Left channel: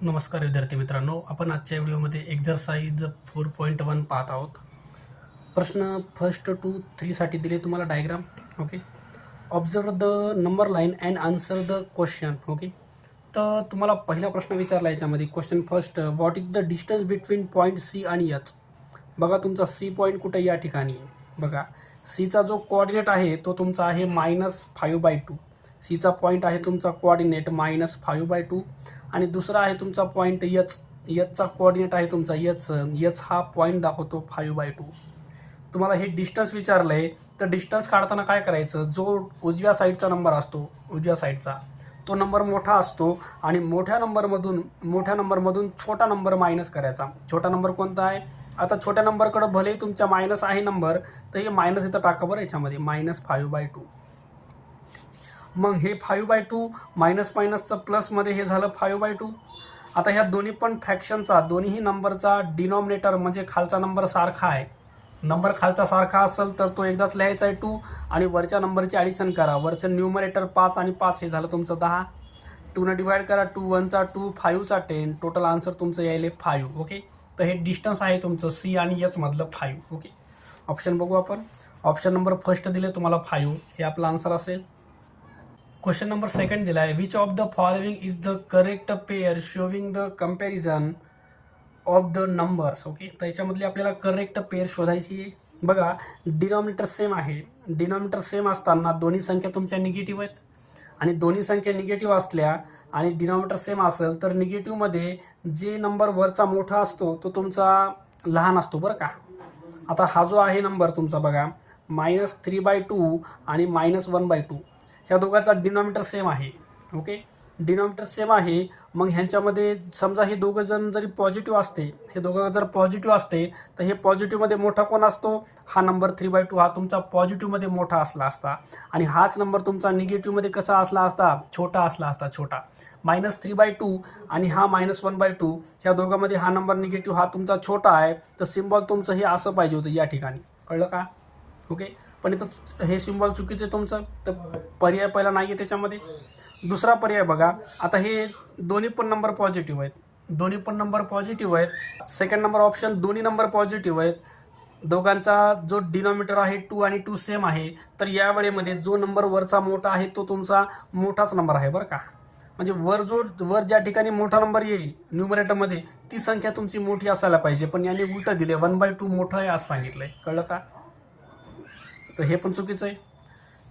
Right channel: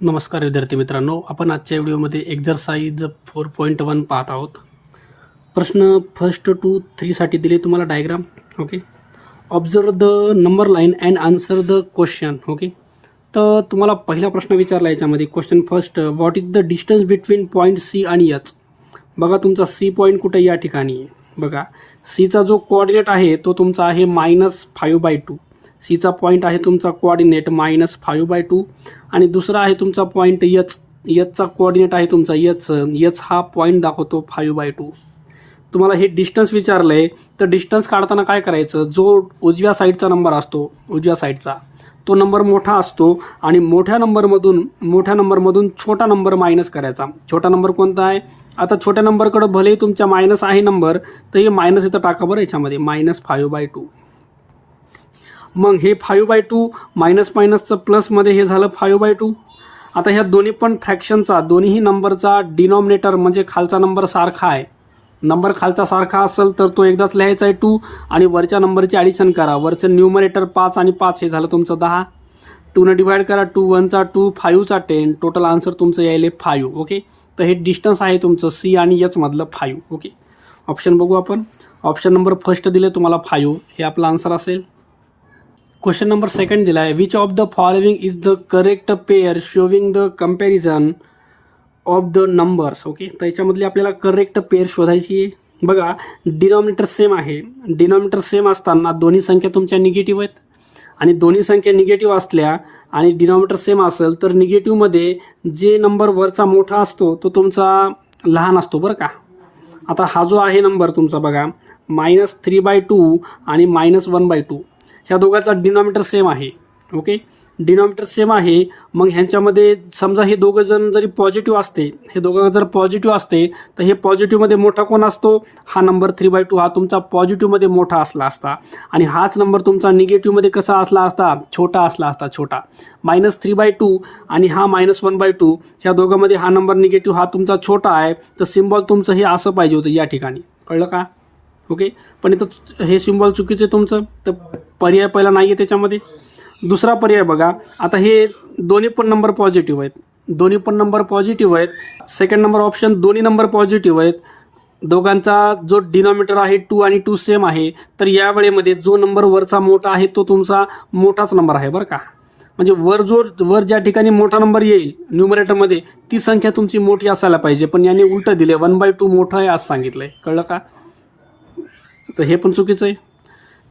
नमस्कार विद्यार्थी मित्रांनो, आपण आजच्या व्हिडिओमध्ये एक्झरसाइज 4.1 पाहत आहोत. प्रश्न फर्स्ट टू 3साठी दिले तुम्हाला diagram. Okay, observe the number line and answer the question. Okay, तर तुम्हाला पहिला प्रश्न विचारला याच्यामध्ये. Question first, what is the distance between point C आणि एच. बघा तुमचा सी पॉईंट कुठे या ठिकाणी आहे. बघा सीचा जो कोऑर्डिनेट आहे तो तुमचा आहे -5/2. सीचा पॉईंट आहे तुमचा कोऑर्डिनेट -5/2 आणि दुसरा आहे तुमचा पॉईंट एचचा कोऑर्डिनेट आहे तुमचा एच हा पॉईंट दाखवतो 5/2. तुम्हाला हे डिस्टन्स विचारलं आहे, तर डिस्टन्स काढताना काय करायचं, जो उजव्या साईडचा नंबर असतो उजव्या साईडचा तो नंबर मोठा असतो आणि मोठ्या नंबरमधून छोटा नंबर मायनस करायचा. छोटा नंबर कोणता आहे, आता छोट्या नंबरकडं भले तुमच्या मायनस आहे नंबर, तर हे मायनस इथं टाका बरं याच्यामध्ये -5/2. मग हे 5/2 मायनसचं प्लसमध्ये हे झालं 5/2. आता ह्या दोन्ही पण फ्रॅक्शनचा दोन्ही नंबरचा डिनॉमिनेटर म्हणजे खालचा नंबर सारखा आहे. नंबर खालचा सारखा असेल तर तो एकदाच लिहायचा आहे 2 आणि वरच्या नंबरची ॲडिशन करा. वरचं न्यूमरेटर 5 आणि 5 हे झालं तुमचं 10. 2 डिवाइड करा, 2 1 2, 5 10. टोटल आन्सर तुमचं यायले 5. ओके, तर हे डिस्टन्स आहे तुमचं सी आणि एच मधलं 5. ओके, ऑप्शन बघू आपण. ऑप्शन नंबर फर्स्ट दिले तुम्हाला 5, हे आपला आन्सर असेल. क्वेश्चन नंबर सेकंड दिला आहे, which of the following is the correct pair showing the comparison of the numbers. Okay, तर याच्यामधली आपल्याला करेक्ट पेअर शोधायची आहे. बघा डिनॉमिनेटर सेम आहे. डिनॉमिनेटर सेम असताना दोन्ही संख्या तुमच्या निगेटिव्ह आहेत आणि दोन्ही संख्या निगेटिव्ह असल्या आणि डिनॉमिनेटर सेम असेल तर निगेटिव्हमध्ये जे नंबर वरचा मोठा असतो तो तुमचा लहान असतो बरं का. आता हा जो आहे नंबर तुमचा बघा -3/2 आणि -1/2, ह्या दोघांचा डिनॉमिनेटर सेम आहे. ओके, डिनॉमिनेटर सेम आहे. मग ह्यांच्यामध्ये समजा हे दोघं जण जरी पॉझिटिव्ह असते, हे दोघं जर पॉझिटिव्ह असते तर हे पॉझिटिव्हमध्ये मोठा कोण असतो, हा नंबर 3/2 हा तुमचा पॉझिटिव्हमध्ये मोठा असला असता आणि हाच नंबर तुमचा निगेटिव्हमध्ये कसा असला असता, छोटा असला असता. छोटा -3/2 आणि हा -1/2, ह्या दोघांमध्ये हा नंबर निगेटिव्ह हा तुमचा छोटा आहे, तर सिम्बॉल तुमचं हे असं पाहिजे होतं या ठिकाणी. कळलं का. ओके, पण इथं हे सिम्बॉल चुकीचं आहे तुमचं, तर पर्याय पहिला नाही आहे त्याच्यामध्ये. दुसरा पर्याय बघा, आता हे दोन्ही पण नंबर पॉझिटिव्ह आहेत. सेकंड नंबर ऑप्शन, दोन्ही नंबर पॉझिटिव्ह आहेत. दोघांचा जो डिनॉमिनेटर आहे 2 आणि 2 सेम आहे, तर या वेळेमध्ये जो नंबर वरचा मोठा आहे तो तुमचा मोठाच नंबर आहे बरं का. म्हणजे वर ज्या ठिकाणी मोठा नंबर येईल न्यूमरेटरमध्ये ती संख्या तुमची मोठी असायला पाहिजे, पण याने उलटं दिले 1/2 मोठं आहे असं सांगितलं आहे. कळलं का, तर हे पण चुकीचं आहे.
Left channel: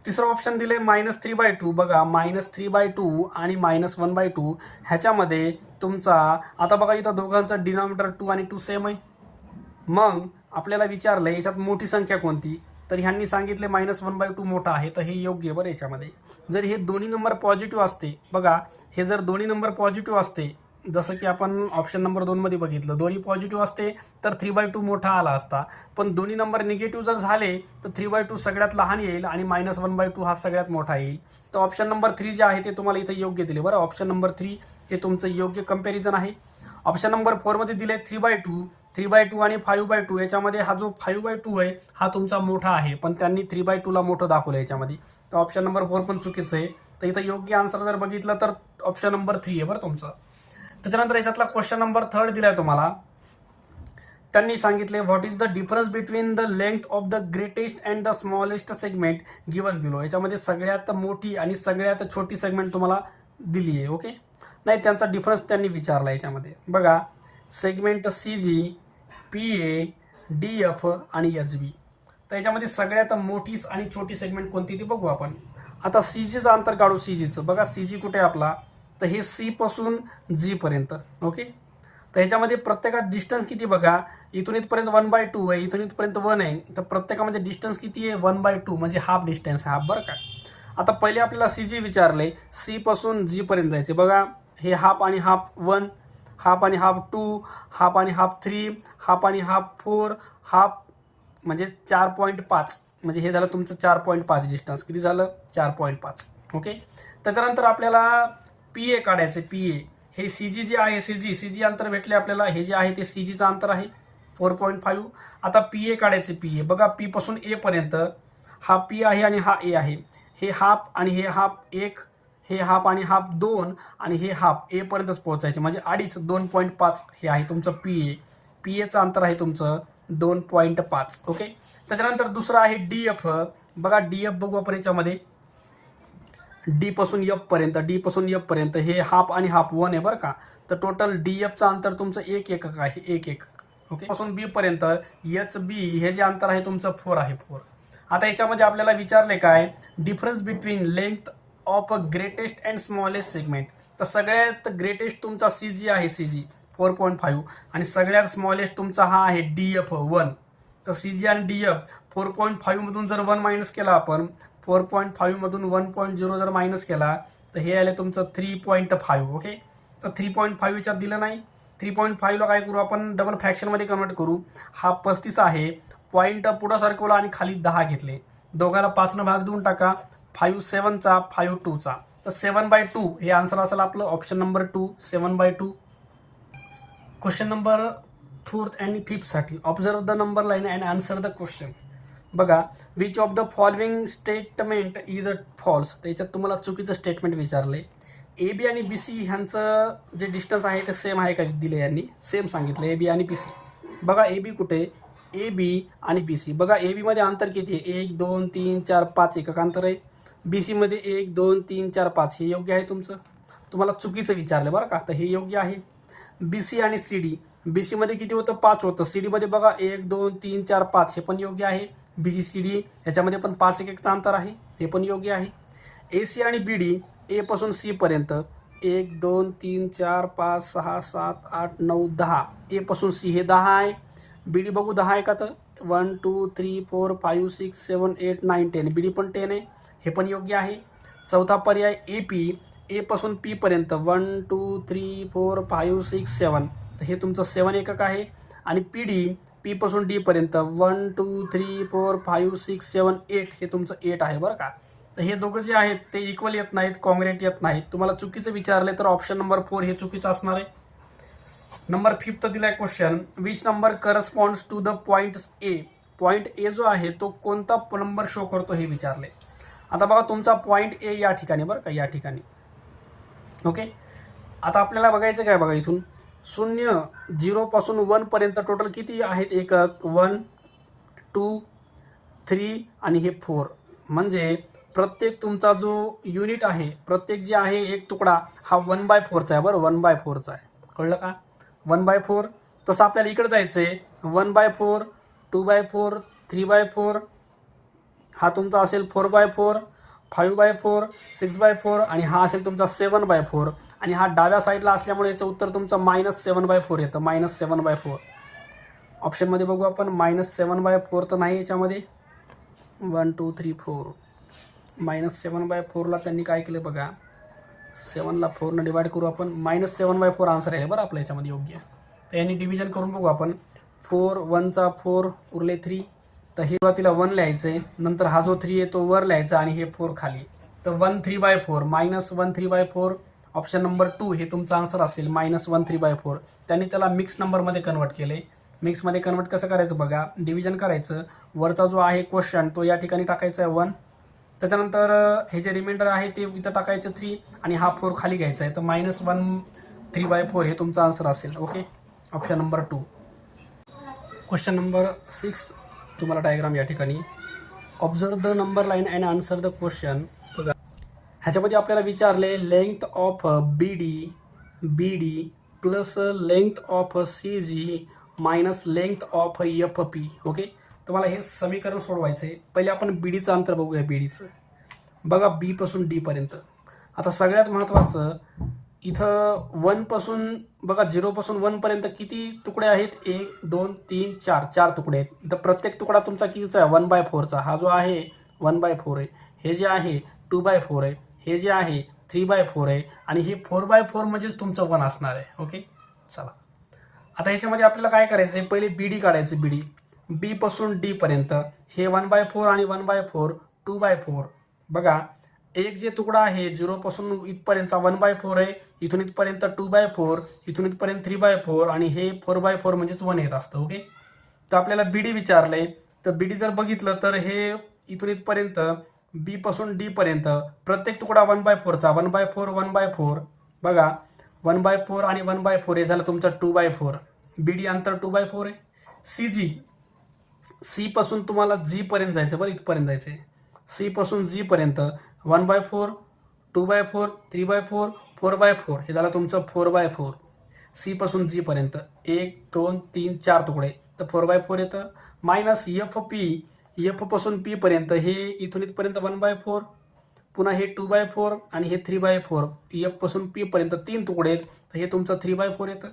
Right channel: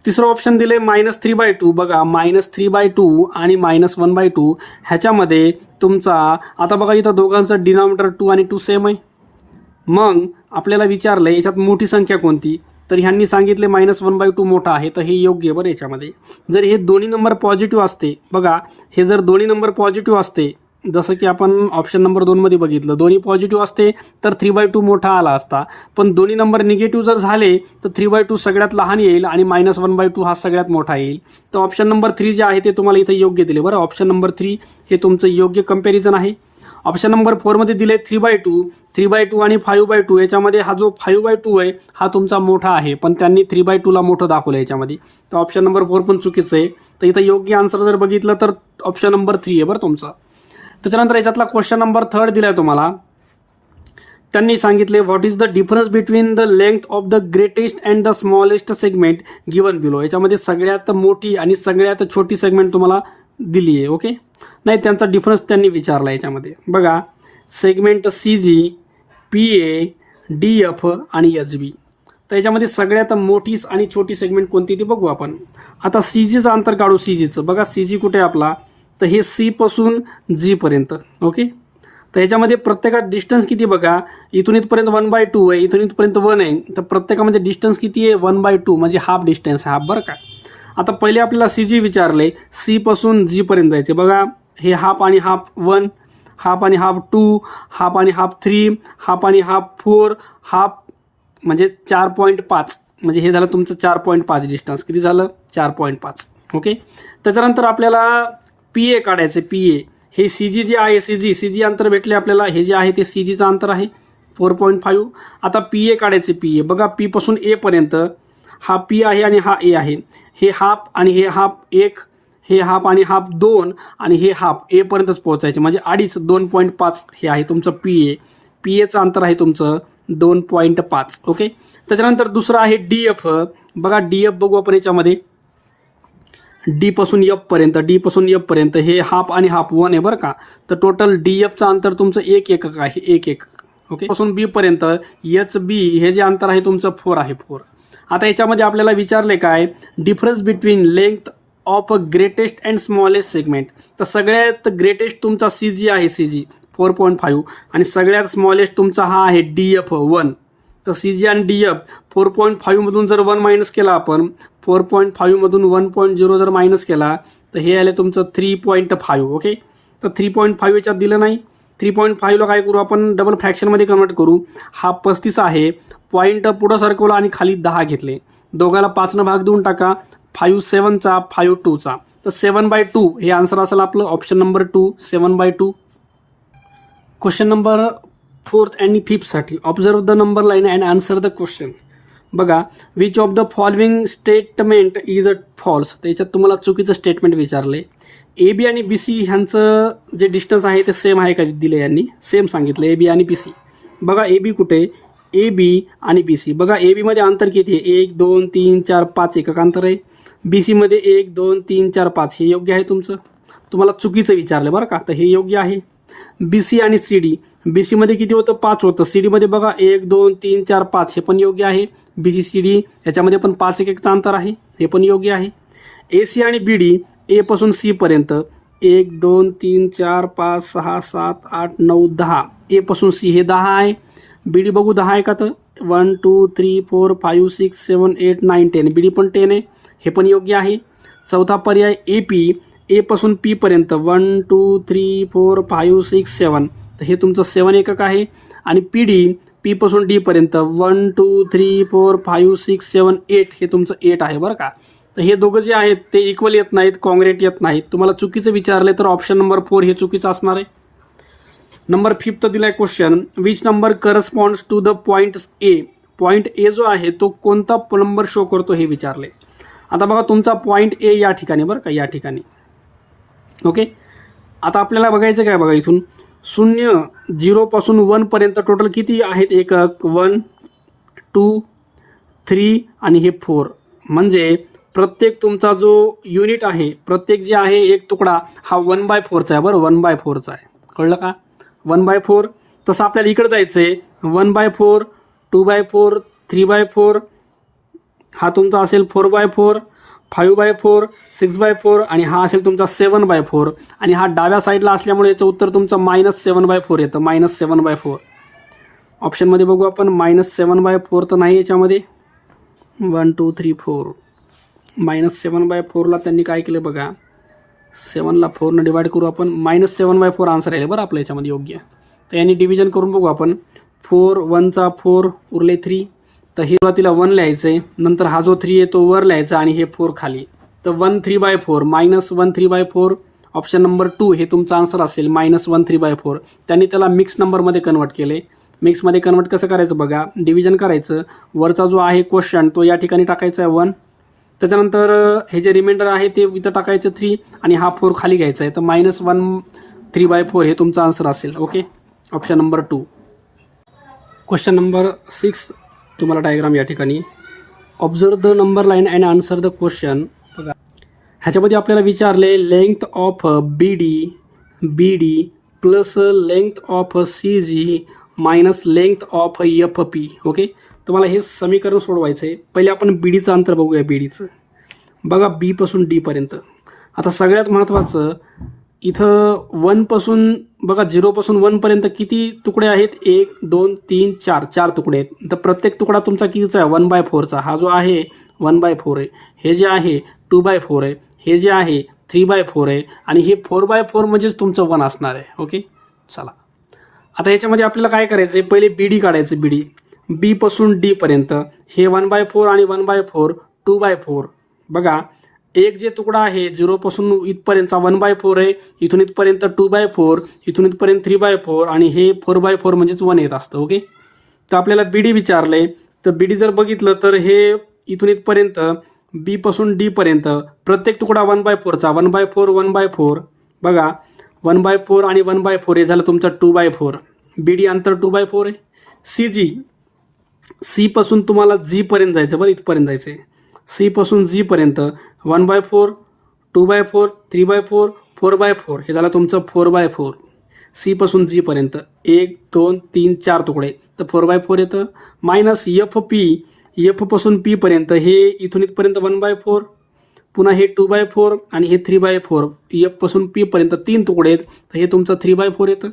तिसरं ऑप्शन दिले -3/2. बघा -3/2 आणि -1/2 ह्याच्यामध्ये तुमचा आता बघा इथं दोघांचं डिनॉमिनेटर 2 आणि 2 सेम आहे. मग आपल्याला विचारलं याच्यात मोठी संख्या कोणती, तर ह्यांनी सांगितले -1/2 मोठा आहे, तर हे योग्य बरं. याच्यामध्ये जर हे दोन्ही नंबर पॉझिटिव्ह असते, बघा हे जर दोन्ही नंबर पॉझिटिव्ह असते, जसं की आपण ऑप्शन नंबर 2मध्ये बघितलं, दोन्ही पॉझिटिव्ह असते तर 3/2 मोठा आला असता. पण दोन्ही नंबर निगेटिव्ह जर झाले तर 3/2 सगळ्यात लहान येईल आणि -1/2 हा सगळ्यात मोठा येईल. तर ऑप्शन नंबर 3 जे आहे ते तुम्हाला इथं योग्य दिले बरं. ऑप्शन नंबर 3 हे तुमचं योग्य कम्पॅरिझन आहे. ऑप्शन नंबर 4मध्ये दिले 3/2 आणि 5/2. याच्यामध्ये हा जो 5/2 आहे हा तुमचा मोठा आहे, पण त्यांनी 3/2ला मोठं दाखवलं याच्यामध्ये, तर ऑप्शन नंबर 4 पण चुकीचं आहे. तर इथं योग्य आन्सर जर बघितलं तर ऑप्शन नंबर 3 आहे बरं तुमचं. त्याच्यानंतर याच्यातला क्वेश्चन नंबर 3 दिला आहे तुम्हाला. त्यांनी सांगितले, what is the difference between the length of the greatest and the smallest segment given below. याच्यामध्ये सगळ्यात मोठी आणि सगळ्यात छोटी सेगमेंट तुम्हाला दिली आहे. ओके, नाही त्यांचा डिफरन्स त्यांनी विचारला याच्यामध्ये. बघा सेगमेंट CG, PA, DF आणि HB. तर याच्यामध्ये सगळ्यात मोठी आणि छोटी सेगमेंट कोणती ती बघू आपण. आता CGचं अंतर काढू. CGचं बघा, CG कुठे आहे आपला, तर हे C पासून G पर्यंत. ओके, तर ह्याच्यामध्ये प्रत्येकात डिस्टन्स किती बघा, इथून इथपर्यंत 1/2 आहे, इथून इथपर्यंत 1 आहे, तर प्रत्येकामध्ये डिस्टन्स किती आहे 1/2 म्हणजे हाफ डिस्टन्स हाफ बरं का. आता पहिले आपल्याला CG विचारले, C पासून G पर्यंत जायचे. बघा हे हाफ आणि हाफ 1, हाफ आणि हाफ 2, हाफ आणि हाफ 3, हाफ आणि हाफ 4, हाफ म्हणजे 4.5, म्हणजे हे झालं तुमचं 4.5 डिस्टन्स. किती झालं 4.5. ओके, त्याच्यानंतर आपल्याला PA काढायचे. PA हे CG जे आहे, CG अंतर भेटले आपल्याला, हे जे आहे ते CGचं अंतर आहे 4.5. आता PA काढायचे. PA बघा P पासून A पर्यंत हा P आहे आणि हा A आहे. हे हाफ आणि हे हाफ 1, हे हाफ आणि हाफ 2 आणि हे हाफ एपर्यंतच पोहोचायचे, म्हणजे अडीच 2.5 हे आहे तुमचं पी एचं अंतर आहे तुमचं 2.5. ओके. त्याच्यानंतर दुसरं आहे डी एफ. बघा डी एफ बघू आपण याच्यामध्ये, डी पासून एफ पर्यंत हे हाफ आणि हाफ 1 आहे बरं का. तर टोटल डी एफचं अंतर तुमचं 1 एकक आहे, 1 एकक. ओके. पासून बी पर्यंत एच बी हे जे अंतर आहे तुमचं 4 आहे, 4. आता याच्यामध्ये आपल्याला विचारले काय, difference between length of a greatest and smallest segment. तर सगळ्यात ग्रेटेस्ट तुमचा सी जी आहे, सी जी 4.5, आणि सगळ्यात स्मॉलेस्ट तुमचा हा आहे डी एफ 1. तर सी जी आणि डी एफ 4.5 मधून जर 1 मायनस केला आपण, 4.5 मधून 1.0 जर मायनस केला तर हे आले तुमचं 3.5. ओके. तर 3.5 याच्यात दिलं नाही. 3.5ला काय करू आपण, डबल फ्रॅक्शनमध्ये कन्वर्ट करू. हा 35 आहे, पॉईंट पुढं सरकवला आणि खाली 10 घेतले, दोघाला 5 भाग देऊन टाका. 5 7चा 5 2चा, तर 7/2 हे आन्सर असेल आपलं option number 2, 7/2. Question number 4th आणि 5th साठी observe the number line and answer the question. बघा, which of the following statement is a false. त्याच्यात तुम्हाला चुकीचं स्टेटमेंट विचारले. ए बी आणि बी सी ह्यांचं जे डिस्टन्स आहे ते सेम आहे का दिले, यांनी सेम सांगितलं ए बी आणि बी सी. बघा ए बी कुठे, ए बी आणि बी सी. बघा ए बीमध्ये अंतर किती आहे, 1 2 3 4 5 एकक अंतर आहे. बी सीमध्ये 1 2 3 4 5 हे योग्य आहे तुमचं. तुम्हाला चुकीचं विचारलं बरं का, तर हे योग्य आहे. बी सी आणि सी डी, बी सीमध्ये किती होतं, 5 होतं. सी डीमध्ये बघा 1 2 3 4 5 हे पण योग्य आहे. बी सी सी डी याच्यामध्ये पण 5 एककचं अंतर आहे, हे पण योग्य आहे. ए सी आणि बी डी, ए पासून सी पर्यंत 1 2 3 4 5 6 7 8 9 10, ए पासून सी हे 10 आहे. बी डी बघू 10 आहे का, तर 1 2 3 4 5 6 7 8 9 10, बी डी पण 10 आहे, हे पण योग्य आहे. चौथा पर्याय ए पी, ए पासून पी पर्यंत 1 2 3 4 5 6 7, तर हे तुमचं 7 एकक आहे. आणि पी डी, पी पासून डी पर्यंत 1 2 3 4 5 6 7 8, हे तुमचं 8 आहे बरं का. तर हे दोघं जे आहेत ते इक्वल येत नाहीत, कॉन्ग्रेट येत नाहीत. तुम्हाला चुकीचं विचारले तर ऑप्शन नंबर 4 हे चुकीचं असणार आहे. नंबर 5th दिलाय question, which number corresponds to the point A. Point A जो आहे तो कोणता नंबर शो करतो हे विचारले. आता बघा तुमचा पॉईंट ए या ठिकाणी बरं का, या ठिकाणी. ओके. आता आपल्याला बघायचं काय, बघा इथून 0 0 पासून 1 पर्यंत टोटल किती आहेत एकक, 1 2 3 आणि हे 4. म्हणजे प्रत्येक तुमचा जो युनिट आहे, प्रत्येक जे आहे एक तुकडा हा 1/4चा आहे बरं, 1/4चा आहे. कळलं का, 1/4. तसं आपल्याला इकडे जायचं आहे, 1/4 2/4 3/4, हा तुमचा असेल 4/4 5/4 6/4 आणि हा असेल तुमचा 7/4. आणि हा डाव्या साईडला असल्यामुळे याचं उत्तर तुमचं -7/4 येतं, -7/4. ऑप्शनमध्ये बघू आपण, -7/4 तर नाही याच्यामध्ये. 1 2 3 4, -7/4ला त्यांनी काय केलं बघा, 7ला 4ने डिवाइड करू आपण, -7/4 आन्सर आहे बरं आपल्या याच्यामध्ये योग्य. तर यांनी डिव्हिजन करून बघू आपण, 4 1चा 4 उरले 3, तर हे सुरुवातीला 1 लिहायचं आहे, नंतर हा जो 3 आहे तो वर लिहायचा आणि हे 4 खाली. तर 1 3/4 -1 3/4, ऑप्शन नंबर 2 हे तुमचा आन्सर असेल, -1 3/4. त्यांनी त्याला मिक्स नंबरमध्ये कन्वर्ट केले. मिक्समध्ये कन्वर्ट कसं करायचं बघा, डिव्हिजन करायचं, वरचा जो आहे क्वेश्चन तो या ठिकाणी टाकायचा आहे 1, त्याच्यानंतर हे जे रिमाइंडर आहे ते इथं टाकायचं 3 आणि हा 4 खाली घ्यायचा आहे. तर -1 3/4 हे तुमचा आन्सर असेल. Okay, option number 2. Question number 6 तुम्हाला डायग्राम या ठिकाणी, observe the number line and answer the question. बघा ह्याच्यामध्ये आपल्याला विचारले length of B D plus length of C G minus length of F P. Okay, तुम्हाला हे समीकरण सोडवायचं आहे. पहिले आपण बी डीचं अंतर बघूया. बी डीचं बघा, बी पासून डी पर्यंत. आता सगळ्यात महत्त्वाचं इथं 1 पासून बघा, 0 पासून 1 पर्यंत किती तुकडे आहेत, 1 2 3 4, 4 तुकडे आहेत. तर प्रत्येक तुकडा तुमचा कितीचा आहे, 1/4चा. हा जो आहे 1/4 आहे, हे जे आहे 2/4 आहे, हे जे आहे 3/4 आहे आणि हे 4/4 म्हणजेच तुमचं 1 असणार आहे. ओके, चला आता याच्यामध्ये आपल्याला काय करायचं आहे, पहिले बी डी काढायचं. बी डी, बी पासून डी पर्यंत हे 1/4 आणि 1/4 2/4. बघा एक जे तुकडा आहे 0 पासून इथपर्यंतचा 1/4 आहे, इथून इथपर्यंत 2/4, इथून इथपर्यंत 3/4 आणि हे 4/4 म्हणजेच 1 येत असतं. ओके, तर आपल्याला बी डी विचारले. तर बी डी जर बघितलं तर हे इथून इथपर्यंत बीपासून डीपर्यंत प्रत्येक तुकडा 1/4चा 1/4 1/4 बघा 1/4 आणि 1/4 हे झालं तुमचं 2/4. BD अंतर 2/4 आहे. CG सीपासून तुम्हाला जीपर्यंत जायचं बरं, इथपर्यंत जायचं आहे. सीपासून जीपर्यंत 1/4 2/4 3/4 4/4 हे झालं तुमचं 4/4. सीपासून जीपर्यंत 1 2 3 4 तुकडे तर 4/4 येतं. मायनस FP एफपासून पीपर्यंत हे इथून इथपर्यंत 1/4 पुन्हा हे 2/4 आणि हे 3/4 एफपासून पीपर्यंत 3 तुकडे आहेत तर हे तुमचं 3/4 येतं.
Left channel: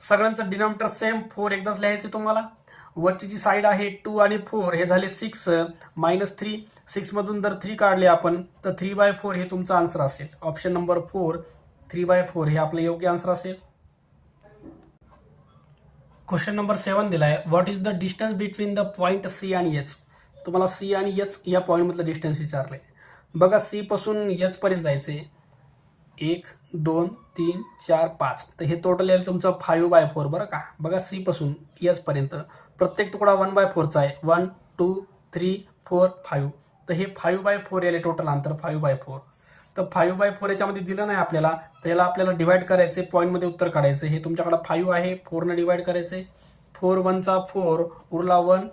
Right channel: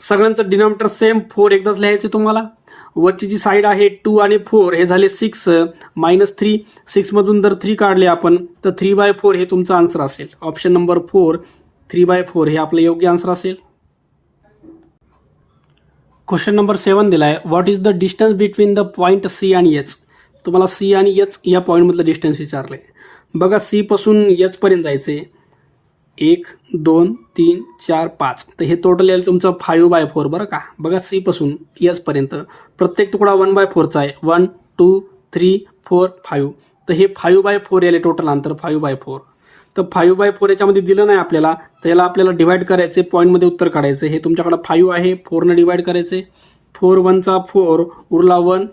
सगळ्यांचं डिनॉमिनेटर सेम 4 एकदाच लिहायचं तुम्हाला. वरची जी साईड आहे 2 आणि 4 हे झाले 6 मायनस 3 6मधून जर 3 काढले आपण तर 3/4 हे तुमचं आन्सर असेल. ऑप्शन नंबर 4 3/4 हे आपलं योग्य आन्सर असेल. क्वेश्चन नंबर 7 दिला आहे. What is the distance between the point C आणि H. तुम्हाला C आणि H या पॉईंटमधलं डिस्टन्स विचारलं आहे. बघा C पासून H पर्यंत जायचं आहे 1 2 3 4 5 तर हे टोटल येईल तुमचं 5/4 बरं का. बघा C पासून H पर्यंत प्रत्येक तुकडा 1/4चा आहे 1 2 3 4 5 तर हे 5/4 येईल टोटल अंतर 5/4. तर 5/4 याच्यामध्ये दिलं नाही आपल्याला तर याला आपल्याला डिवाइड करायचे पॉईंटमध्ये उत्तर काढायचं. हे तुमच्याकडे 5 आहे 4ने डिवाइड करायचे 4 1चा 4 उरला 1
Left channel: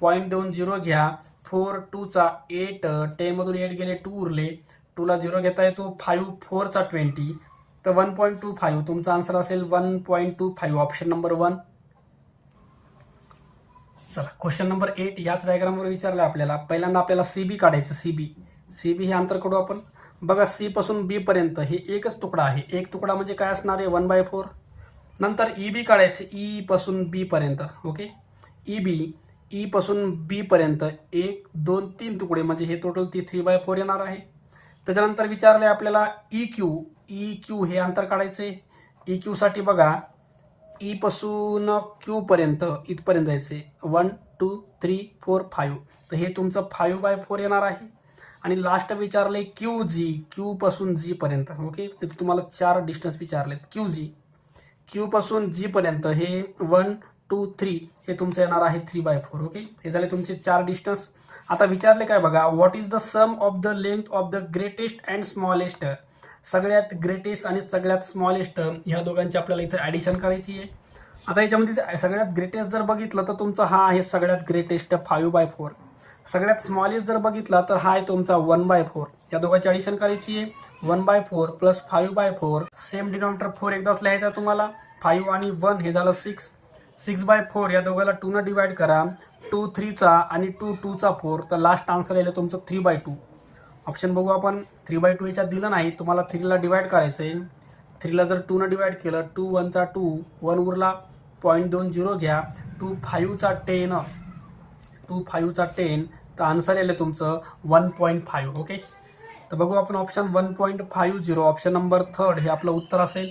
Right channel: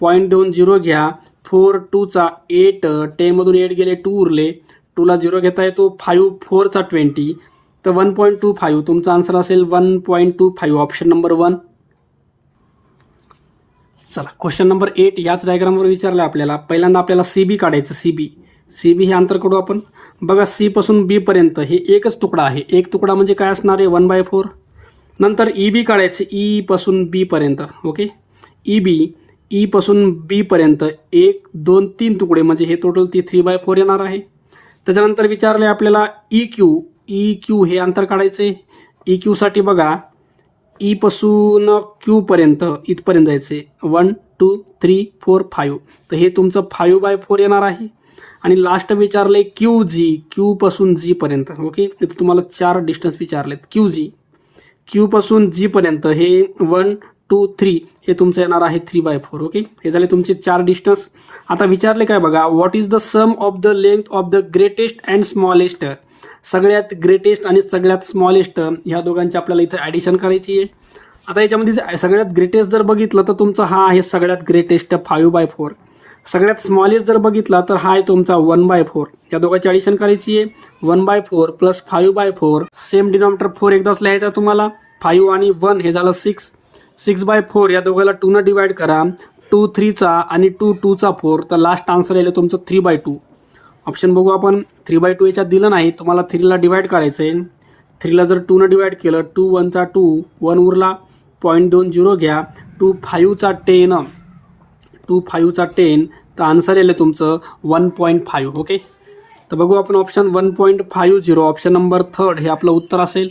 0.20 घ्या 4 2चा 8 10मधून 8 गेले 2 उरले 2ला 0 घेता येतो 5 4चा 20 तर 1.25 तुमचा आन्सर असेल 1.25 ऑप्शन नंबर 1. चला क्वेश्चन नंबर 8 याच डायग्रामवर विचारलं आपल्याला. पहिल्यांदा आपल्याला CB काढायचं. CB हे अंतर काढू आपण. बघा C पासून B पर्यंत हे एकच तुकडा आहे. एक तुकडा म्हणजे काय असणार आहे 1/4. नंतर EB काढायचे E पासून B पर्यंत. ओके E पासून B पर्यंत 1 2 3 तुकडे म्हणजे हे टोटल 3/4 येणार आहे. त्याच्यानंतर विचारले आपल्याला EQ हे अंतर काढायचे. EQ साठी बघा E पासून Q पर्यंत इथपर्यंत जायचे 1 2 3 4 5 तर हे तुमचं 5/4 येणार आहे. आणि लास्ट विचारले Q पासून G पर्यंत. ओके तिथे तुम्हाला 4 डिस्टन्स विचारलेत. Q पासून G पर्यंत हे 1 2 3 हे तुमचं येणार आहे 3/4. ओके हे झाले तुमचे 4 डिस्टन्स. आता विचारले काय बघा what is the sum of the length of the greatest and smallest. सगळ्यात ग्रेटेस्ट आणि सगळ्यात स्मॉलेस्ट ह्या दोघांची आपल्याला इथं ॲडिशन करायची आहे. आता याच्यामध्ये सगळ्यात ग्रेटेस्ट जर बघितलं तर तुमचा हा आहे सगळ्यात ग्रेटेस्ट 5/4. सगळ्यात स्मॉलेस्ट जर बघितला तर हा आहे तुमचा 1/4. या दोघांची ॲडिशन करायची आहे 1/4 प्लस 5/4 सेम डिनॉमिनेटर 4 एकदाच लिहायचा तुम्हाला. 5 आणि 1 हे झालं 6/4 या दोघांना 2ने डिवाइड करा 2 3चा आणि 2 2चा 4 तर लास्ट आन्सर येईल तुमचं 3/2. ऑप्शन बघू आपण. 3/2 याच्यात दिलं नाही तुम्हाला 3ला डिवाइड करायचं आहे. 3ला जर 2ने डिवाइड केलं 2 1चा 2 1 उरला 0.20 घ्या 2 5चा 10 तर आन्सर येईल तुमचं 1.5. ओके तर बघू आपण ऑप्शन 1.50 ऑप्शन नंबर 3 हे आपलं उत्तर असेल.